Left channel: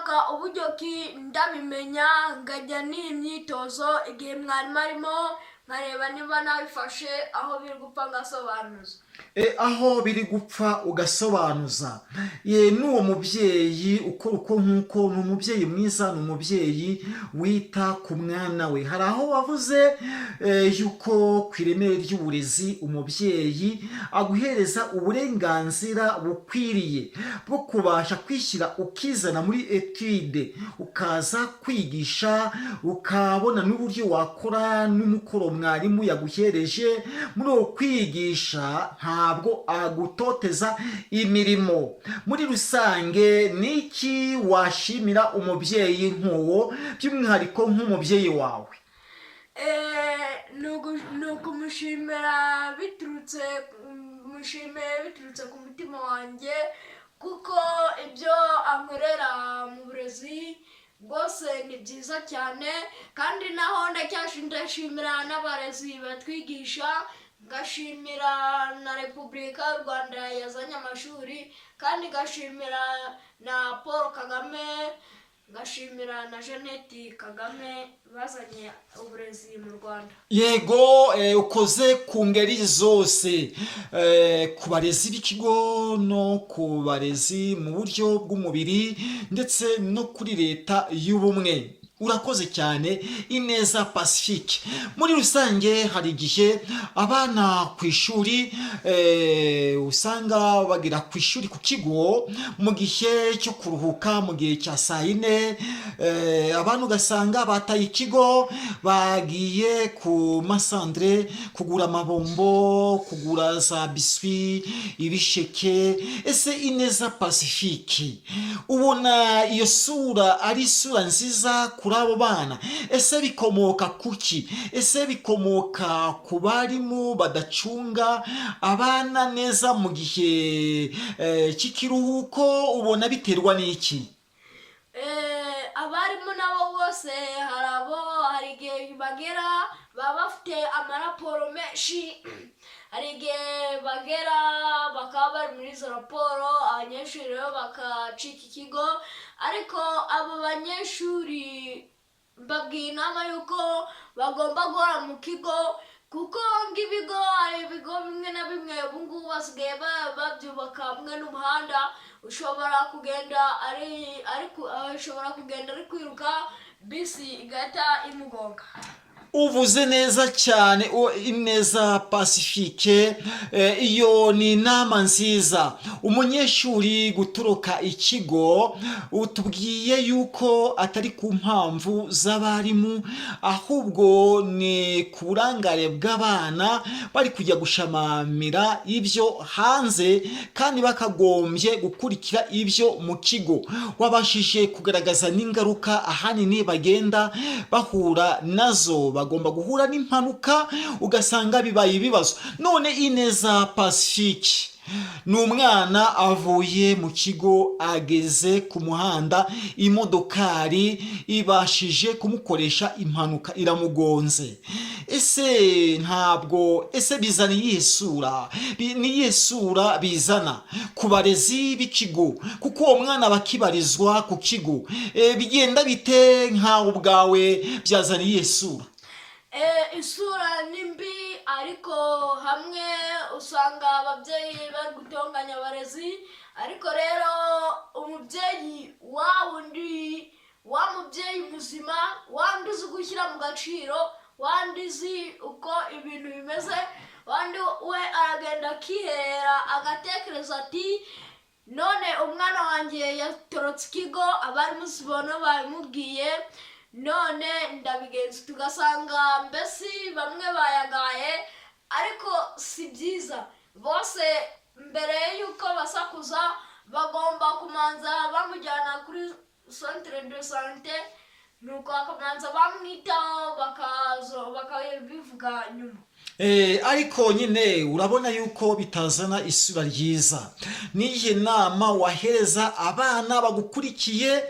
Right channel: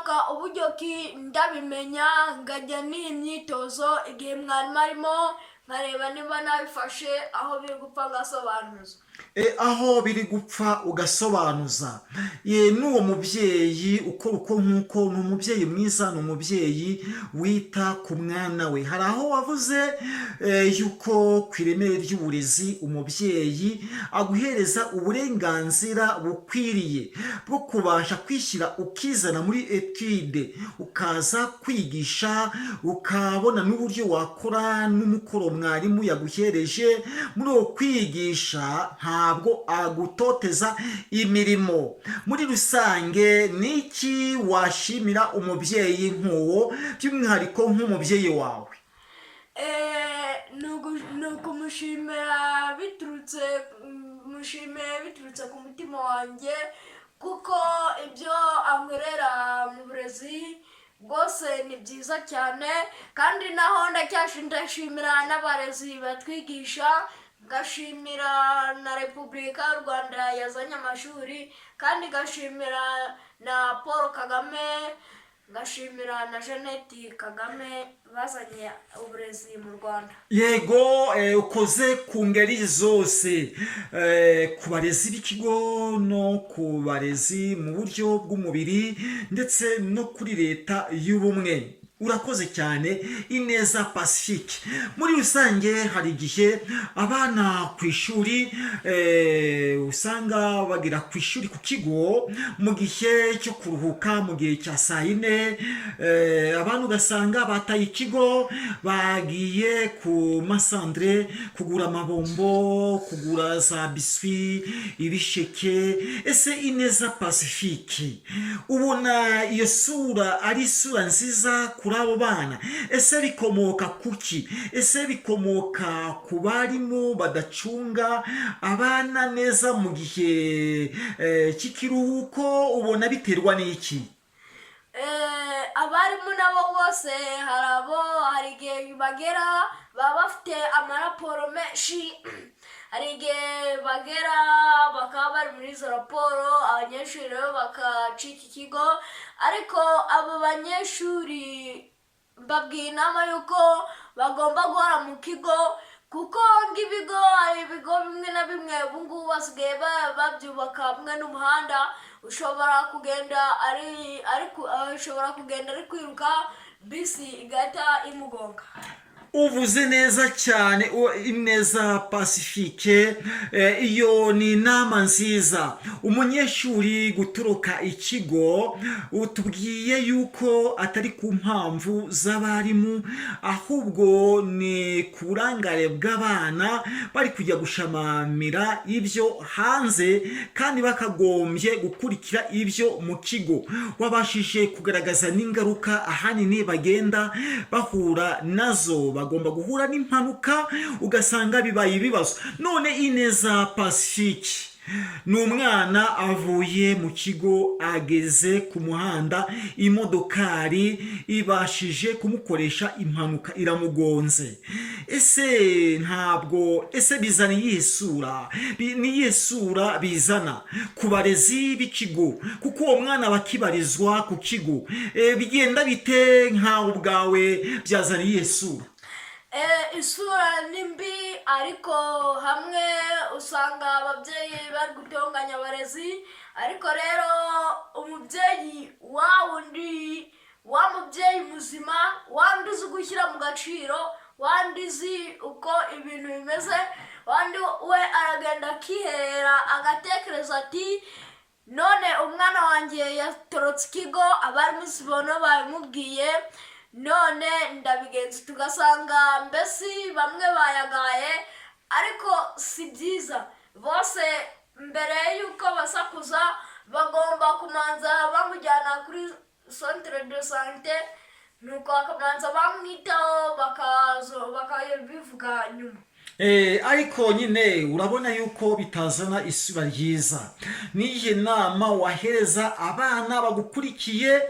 nshaka uburyo ki ndabimenya ngajya n'imyitozo igihe mwarimu arimo nkareba niba nabifashe aho biri gupfa ngasobanuza. Aho biri gupfa ugasobanuza. N'uwo mubyeyi ukora uko nk'uko ni umubyeyi mwiza, ni umubyeyi wita ku mwana we. Hari aho wavuze yuko ku ireme ry'uburezi umubyeyi aguhereza uburenganzira bukwiriye bwo kubasha kwishyira ukizana muri etude, ukaza kwigisha, ukabona n'uburyo wakora n'umukoro mwarimu yaguhereje. Muri uwo kwigisha ntabwo agutoteza imirimo. Muri rusange niki washimira umubyeyi nk'uwo, by'umwihariko nk'umubyeyi wawe? Nukumushimira biturutse ku mutima wanjye, kuko ibyo ankorera mu burezi bwose ni byiza cyane, kandi naho ndacyashimira n'abarezi batwigisha, ngashimira na Repubulika y'u Rwanda yazanye amashuri, kandi ngashimira na Paul Kagame, ngashimira na Jeannette Kagame bazanye uburezi mu Rwanda. Yego, ukoze ku ngeri zose, ku barezi b'ikigo no ku barezi mu buryo bw'umubiri ndetse no kuri leta y'ubumwe. Urakoze cyane Ineza Pacifique. Muri rusange hari igihe abana ku ishuri usanga bagira ku ishuri ku kigo mu gihe cyo kuruhuka, mu gihe cya saa yine, abantu ugasanga bataye ikigo bagiye ku masandre kugura amabombo, kugura za biswi, ibisheke. Ese Ineza Pacifique, ubona iyo sura ari isura nziza kuri abo bana? Ese bikomoka kuki? Ese bikomoka ku barimu badacunga abana neza mu gihe cy'ikiruhuko? Ubona biterwa n'iki? Abarimu nabo bose hari igihe bagera baba bafite amaraporo menshi, hari igihe bagera bakaba bari muri izo raporo, abanyeshuri rero bakacika ikigo. Ariko abo banyeshuri babwiye inama yuko bagomba guhora mu kigo, kuko nk'ibigo, hari ibigo bimwe na bimwe ubu ngubu basigaye babyubaka hamwe n'umuhanda, ushobora kugenda ari kwiruka, bisi igahita imugonga. Uvuze neza cyane Ineza Pacifique. Iyo ni inama nziza. Umunyeshuri gutoroka ikigo, utubwiye yuko atari ku mpamvu z'abarimu, ahubwo ni ku burangare bw'abana bari kujya gushamamira ibyo hanze, kandi bakagombye gukurikira ibyo mu kigo. Wabashije kugaragaza n'ingaruka ahanini bagenda bahura nazo. Bagomba guhura n'impanuka ugasanga bibaye ibibazo. None Ineza Pacifique, ni umwana avuye mu kigo, ageze ku muhanda, imodokari ibashije kumukoresha impanuka, iramugonze. Ese bizana iyihe sura? Ni iyihe sura bizana ku barezi b'ikigo? Kuko uwo mwana bakibarizwa ku kigo, bigenda bite nkawe ubwawe, byazana iyihe sura? Isura ni mbi, ariko hamwe usanga ababyeyi bari gutonganya abarezi. Ariko rero umubyeyi wa mubyeyi muzima, wandi uzi gushyira mu gaciro, wandi uzi uko ibintu bimeze, wandi we aragenda akihera agatekereza ati none umwana wanjye yatorotse ikigo, abarimu sibona babimubwiye, none ndabigenza. Tugasanga mbese bamwe bayagaye, ariko si byiza. Bose mbere y'uko basakuza bagomba kumanza bamujyana kuri centre de santé, nuko bakamanza bamwitaho, bakabivuga nyuma. Ariko nyine urabona yuko bitazana isura ryiza. Niyihe nama wahereza abana bagukurikiye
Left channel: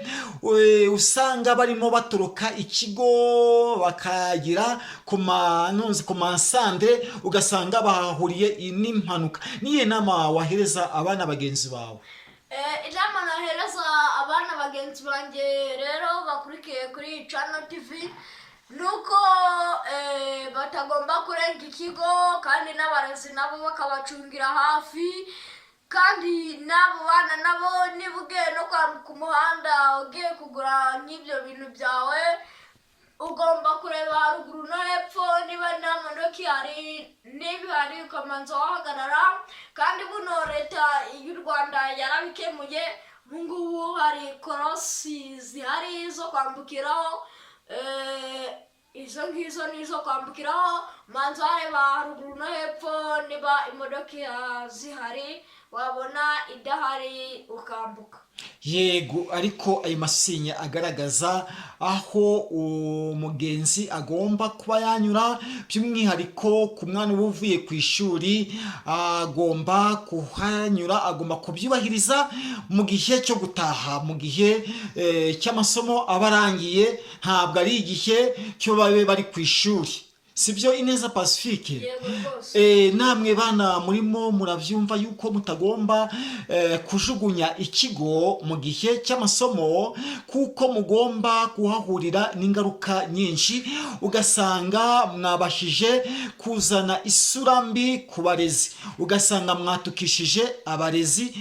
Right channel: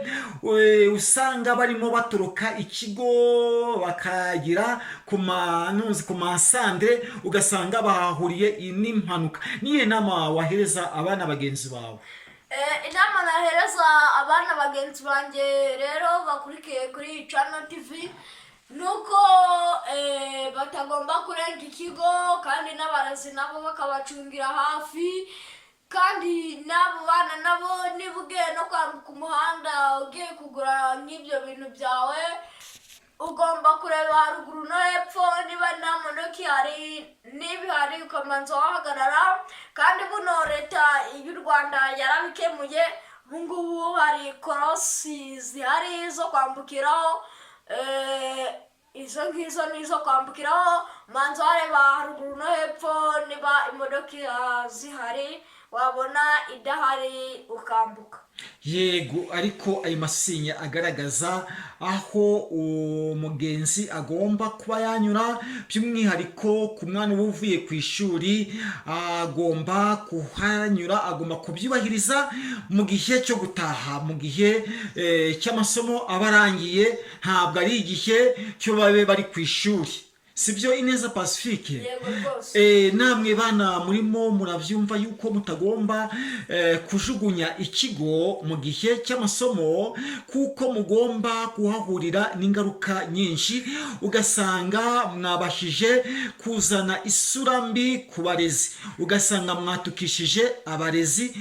usanga barimo batoroka ikigo bakagira ku masandre, ugasanga bahahuriye n'impanuka? Niyihe nama wahereza abana bagenzi bawe? inama nahereza abana bagenzi banjye rero bakurikiye kuri Channel TV nuko batagomba kurenga ikigo, kandi n'abarezi nabo bakabacungira hafi, kandi n'abo bana nabo niba ugiye no kwambuka umuhanda ugiye kugura nk'ibyo bintu byawe, ugomba kureba haruguru no hepfo niba nta modoka ihari, niba ihari ukamanza wahagarara. Kandi buno leta y'u Rwanda yarabikemuye, ubungubu hari korosi zihari zo kwambukiraho, izo ngizo nizo kwambukiraho, manza wareba haruguru no hepfo niba imodoka zihari, wabona idahari ukambuka. Yego, ariko ayo masinya agaragaza aho umugenzi agomba kuba yanyura, by'umwihariko ku mwana uba uvuye ku ishuri agomba kuhanyura, agomba kubyubahiriza mu gihe cyo gutaha, mu gihe cy'amasomo aba arangiye, ntabwo ari igihe cyo babe bari ku ishuri. Sibyo Ineza Pacifique? Namwe bana murimo muravyumva yuko mutagomba kujugunya ikigo mu gihe cy'amasomo, kuko mugomba kuhahurira n'ingaruka nyinshi, ugasanga mwabashije kuzana isura mbi ku barezi, ugasanga mwatukishije abarezi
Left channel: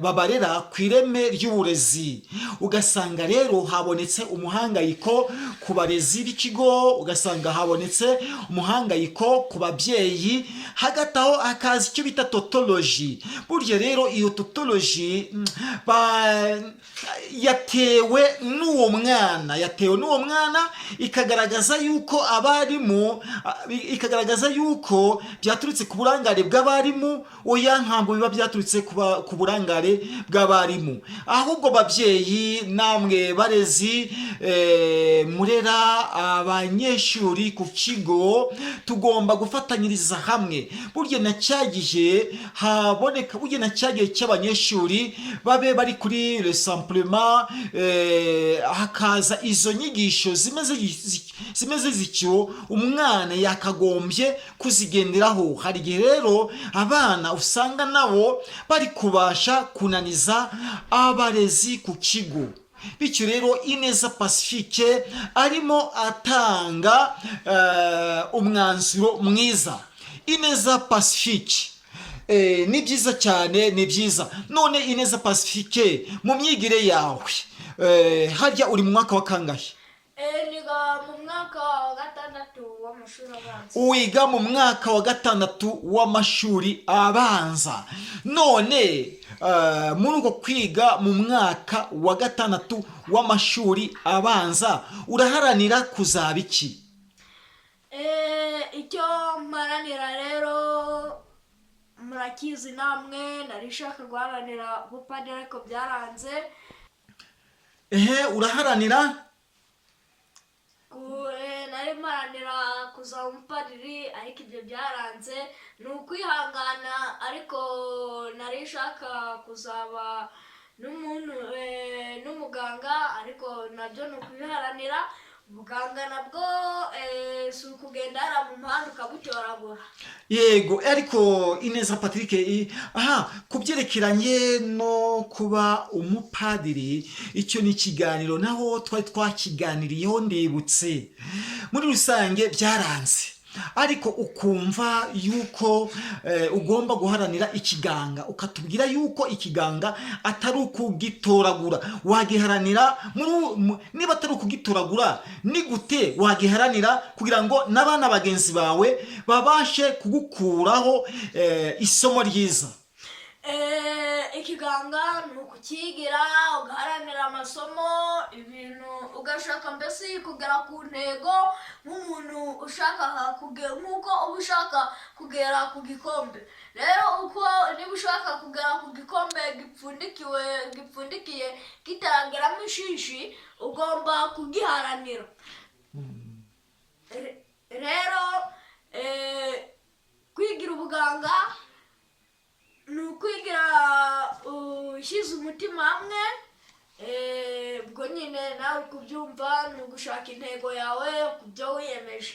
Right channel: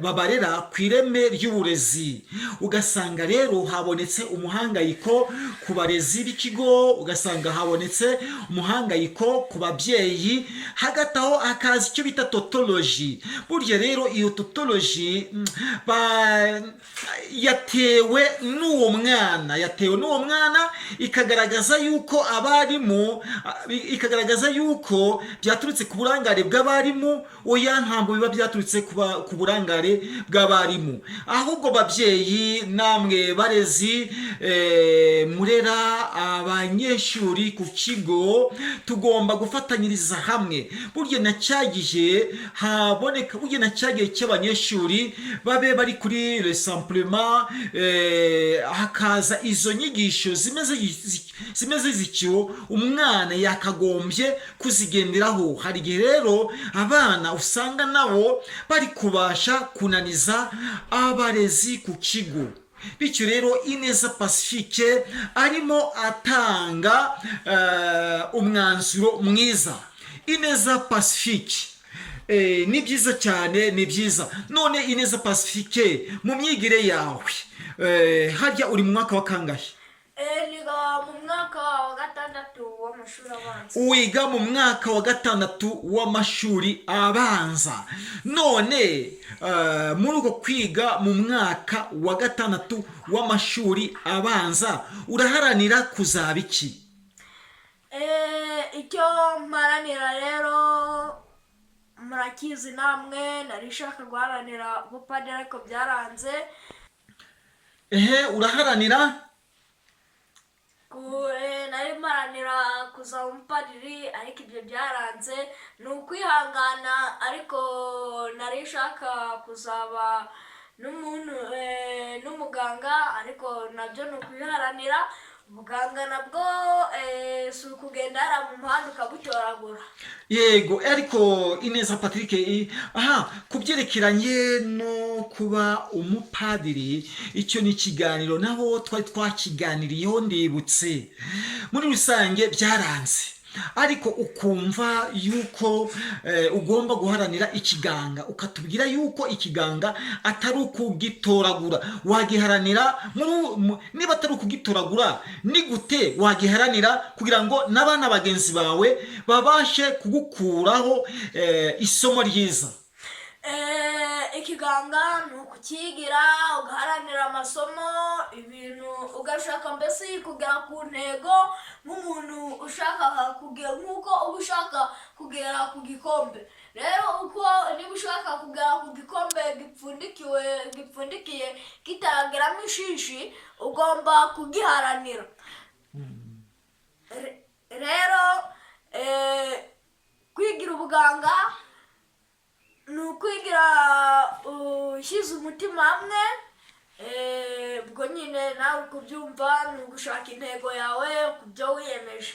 babarera ku ireme ry'uburezi, ugasanga rero habonetse umuhangayiko ku barezi b'ikigo, ugasanga habonetse umuhangayiko ku babyeyi, hagati aho hakaza icyo bita totoloji. Burya rero iyo totoloji yatewe n'uwo mwana, ikagaragaza yuko abarimu, ikagaragaza yuko byaturutse ku burangare bw'abarimu. Oya, ntabwo biba byaturutse ku burangare bw'abarimu, ahubwo babyeyi namwe barezi murera abanyeshuri ku kigo, tugomba gufatanyiriza hamwe. Burya na cyagihe haboneka, burya na cyagihe cy'abanyeshuri babe bari kuri resamplement, hakaza izo nyigisho zimeze zicyo, umwana yakagombye kuzigenderaho. Hari igihe rero abana usanga nabo bari kubasha kunaniza abarezi ku kigo. Bityo rero Ineza Pacifique arimo atanga umwanzuro mwiza. Ineza Pacifique, ni byiza cyane, ni byiza. None Ineza Pacifique, mu myigire yawe harya uri mu mwaka wa kangahe? Niga mu mwaka wa gatandatu w'amashuri abanza. Wiga mu mwaka wa gatandatu w'amashuri abanza. None muri uko kwiga mu mwaka wa gatandatu w'amashuri abanza uraharanira kuzaba iki? Icyo mparanira rero murakizi namwe, narishaka guharanira ubupadiri ariko byaranze. Uraharanira? Nari mparanira kuzaba umupadiri ariko ibyo byaranze, ni ukwihangana. Ariko narishaka kuzaba n'umuganga, ariko nabyo ni ukwiharanira. Ubuganga nabwo si ukugenda hariya mu muhanda ukabutoragura. Yego, ariko Ineza Patrick, ku byerekeranye no kuba umupadiri, icyo ni ikiganiro naho twari twakiganiriyeho, ndibutse. Muri rusange byaranze, ariko ukumva yuko ugomba guharanira ikiganga, ukatubwira yuko ikiganga atari ukugitoragura. Wagiharanira niba atari ukugitoragura, ni gute wagiharanira kugira ngo n'abana bagenzi bawe babashe kugukuraho isomo ryiza? Ikiganga ni ukukigira, ugaharanira amasomo, ibintu ugashaka mbese kugera ku ntego, nk'umuntu ushaka kugera, nk'uko uba ushaka kugera ku gikombe. Rero uko niba ushaka kugera ku gikombe gipfundikiye kitarageramo ishishi, ugomba kugiharanira. Rero kwigira ubuganga ni ukwigira ushyize umutima hamwe. Ubwo nyine nawe kubyumva ni ugushaka intego yawe ku byo wiyemeje.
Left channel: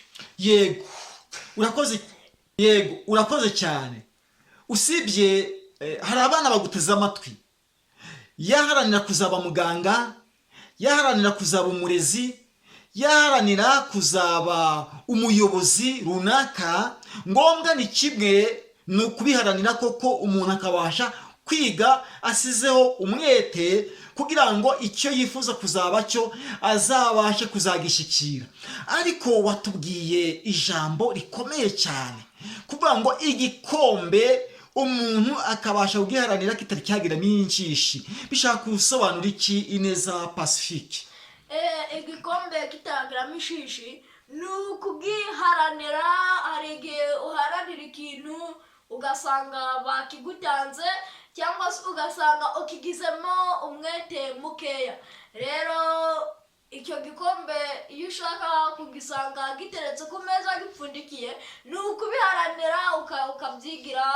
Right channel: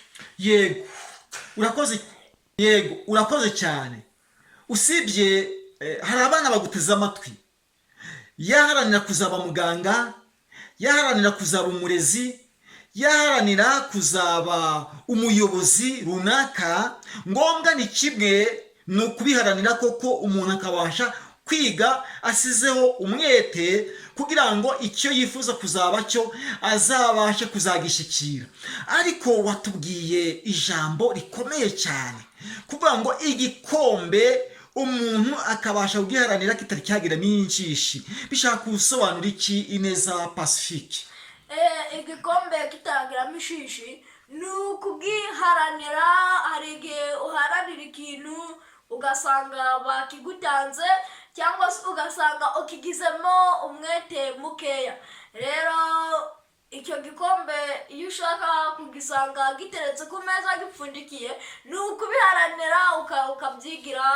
Yego, urakoze cyane. Usibye hari abana baguteze amatwi, yaharanira kuzaba muganga, yaharanira kuzaba umurezi, yaharanira kuzaba umuyobozi runaka, ngombwa ni kimwe, ni ukubiharanira koko umuntu akabasha kwiga asizeho umwete kugira ngo icyo yifuza kuzaba cyo azabashe kuzagishyikira. Ariko watubwiye ijambo rikomeye cyane kuvuga ngo igikombe umuntu akabasha kugiharanira kitari cyagira n'injishi. Bishaka gusobanura iki Ineza Pacifique? Igikombe kitagiramo ishishi ni ukugiharanira. Hari igihe uharanira ikintu ugasanga bakigutanze, cyangwa se ugasanga ukigizemo umwete mukeya. Rero icyo gikombe iyo ushaka kugisanga giteretse ku meza gipfundikiye, ni ukubiharanira ukabyigira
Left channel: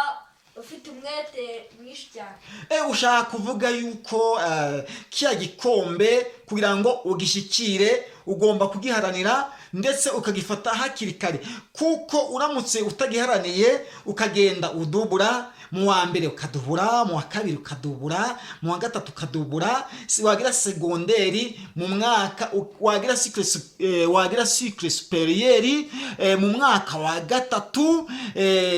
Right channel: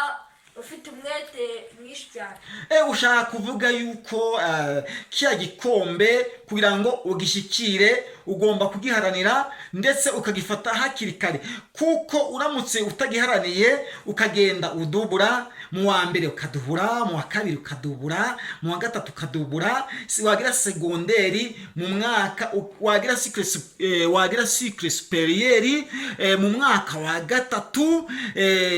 ufite umwete mwinshi cyane. Ushaka kuvuga yuko kiya gikombe kugira ngo ugishyikire ugomba kugiharanira ndetse ukagifata hakiri kare, kuko uramutse utagiharaniye ukagenda udubura, mu wa mbere ukadubura, mu wa kabiri ukadubura, mu wa gatatu ukadubura, wagira segonderi, mu mwaka wagira cycle superieur, mu mwaka wa gatatu,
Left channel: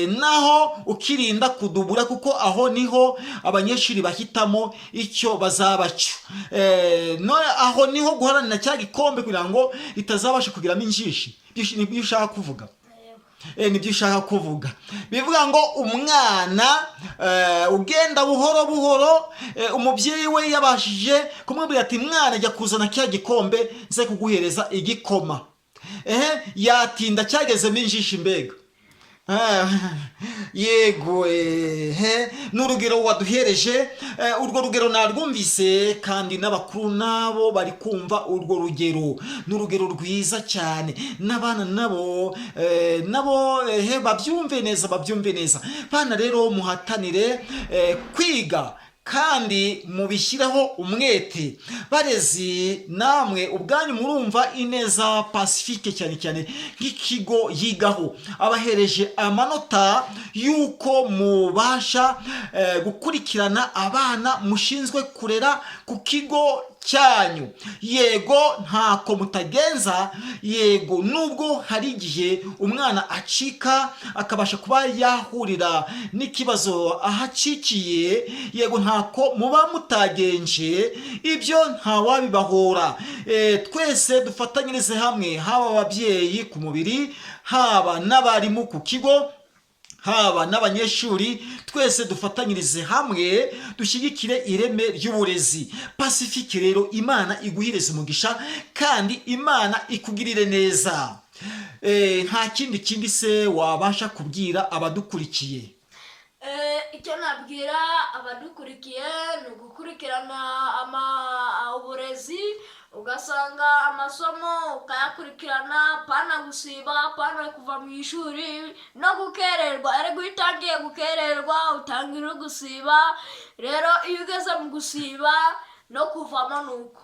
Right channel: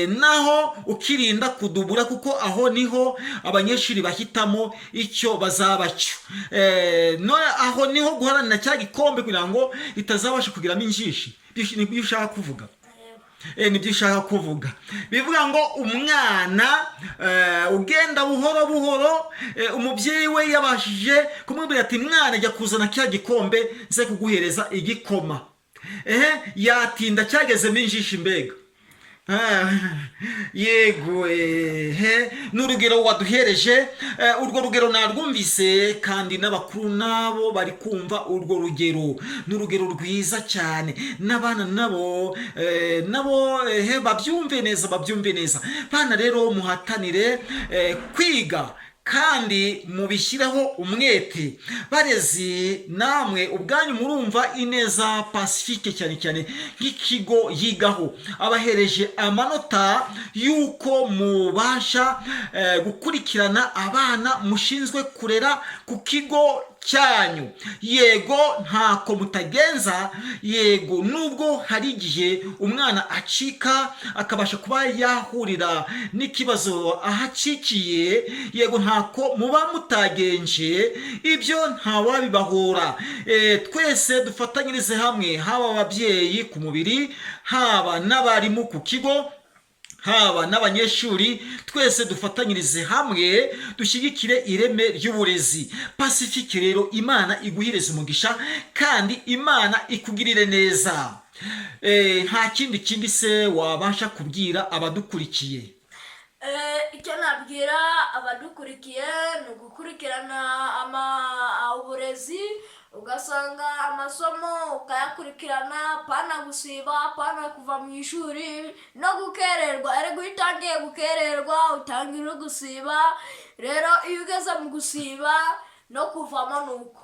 naho ukirinda kudubura, kuko aho niho abanyeshuri bahitamo icyo bazaba cyo. Aho niho guharanira cya gikombe kugira ngo itazabasha kugiramo injishi. Nibyo ushaka kuvuga? Nibyo ushaka kuvuga. Bivuga ngo umwana ugenda buhoro buhoro, umubyeyi we yabashije kumubwira ati mwana jya kuzana cya gikombe nze kuguhereza igikoma. Yatinda cyagezemo injishi mbega. Yego, n'urugero waduhereje, urwo rugero narwumvise kandi n'abakuru nabo bari kumva urwo rugero. N'urugero rwiza cyane, n'abana nabo babyumve neza. Bana rero muhatanire kwiga kandi mubishyireho umwete. Barezi namwe ubwanyu murumva Ineza Pacifique cyane cyane nk'ikigo yigaho abahereje amanota yuko mubasha gukurikirana abana mushinzwe kurera ku kigo cyanyu. Yego ntako mutagenza, yego nubwo hari igihe umwana acika akabasha kuba yahurira n'ikibazo ahacikiye, yego ntako muba mutagenje, ibyo ntawabibahora. Twese dufatanyirize hamwe, haba ababyeyi ku mubiri, haba n'abarimu ku kigo, haba n'abanyeshuri, twese dufatanyirize hamwe dushyigikire ireme ry'uburezi. Pacifique rero Imana iguhireze umugisha kandi Imana ikugirire neza. Nta kindi se wabasha kubwira abadukurikiye? Icyo nabwira abadukurikiye ni ugukurikirana uburezi, ugasanga amasomo ukayakurikirana, pana gusiba, pana kuva mu ishuri no gukererwa. Erega iyo utangiye gukererwa utangira gusiba, rero iyo ugeze mu gusiba no kuvamo nuko.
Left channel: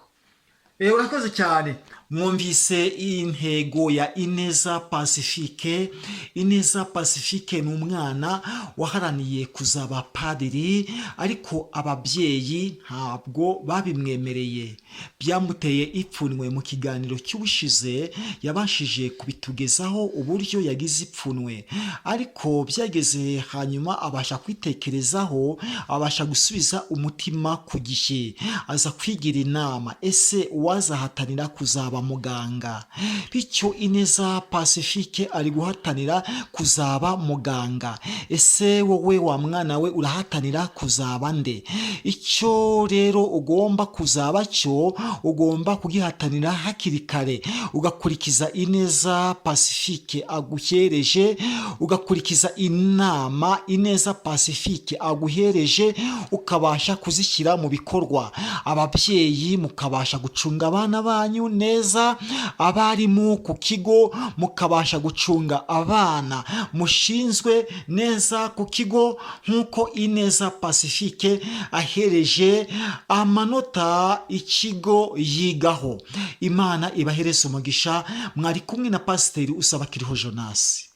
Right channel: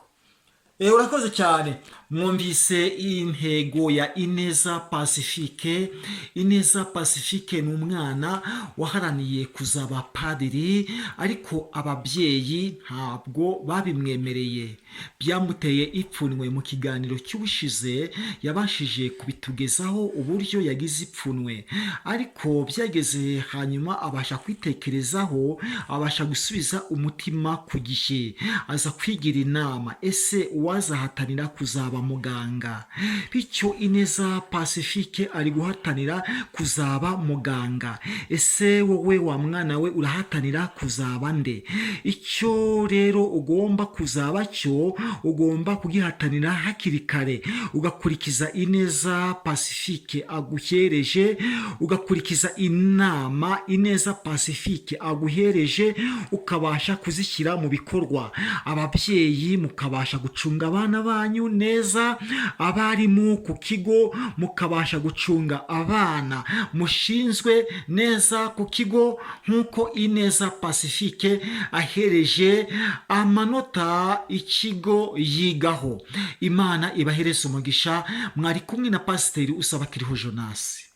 Urakoze cyane. Mwumvise intego ya Ineza Pacifique. Ineza Pacifique ni umwana waharaniye kuzaba padiri, ariko ababyeyi ntabwo babimwemereye. Byamuteye ipfunwe. Mu kiganiro cy'ubushize yabashije kubitugezaho uburyo yagize ipfunwe, ariko byageze hanyuma abasha kwitekerezaho, abasha gusubiza umutima ku gihe, aza kwigira inama, ese uwazahatanira kuzaba muganga? Bityo Ineza Pacifique ari guhatanira kuzaba muganga. Ese wowe wa mwana we urahatanira kuzaba nde? Icyo rero ugomba kuzaba cyo ugomba kugihatanira hakiri kare, ugakurikiza Ineza Pacifique aguhereje, ugakurikiza inama Ineza Pacifique aguhereje, ukabasha kuzishyira mu bikorwa. Ababyeyi mukabasha gucunga abana banyu neza, abarimu ku kigo mukabasha gucunga abana mushinzwe neza ku kigo, nk'uko Ineza Pacifique ahereje amanota ikigo yigaho. Imana ibahereze umugisha. Mwari kumwe na Pasiteri Usabakiriho Jonas.